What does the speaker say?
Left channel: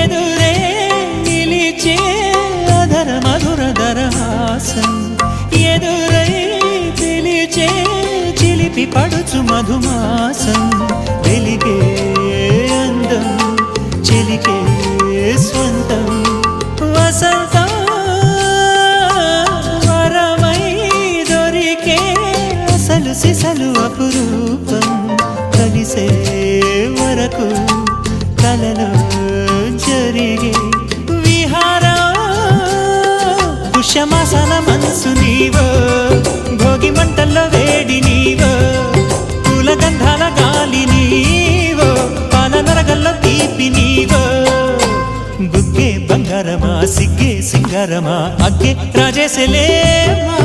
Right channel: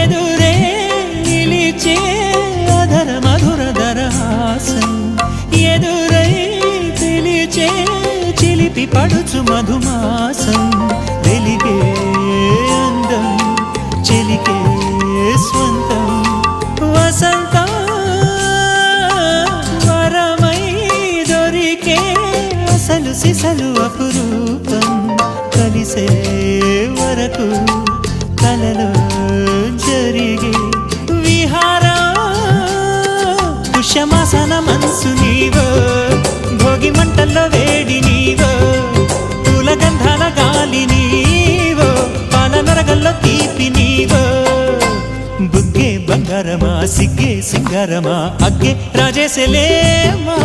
ఎదురే నిలిచే అధర మధుర దరహాసం ఎదురై పిలిచే చిలిపి పడుచు మధుమాసం వెలిగే అందం చెలికే స్వంతం వసంతం వరమై దొరికే అసలు సిసలు అపురూపం కలిసే వరకు కలలో జరిగే విహారం పుష్యమాసన మనసు నీవో భోగి మంటల్లో వేడి నీవో పూల గంధాల గాలి నీవో పాల నరగల్లో తీపి నీవో బుగ్గే బంగారమా సిగ్గే సింగారమా అగ్గే రాజేసలేమా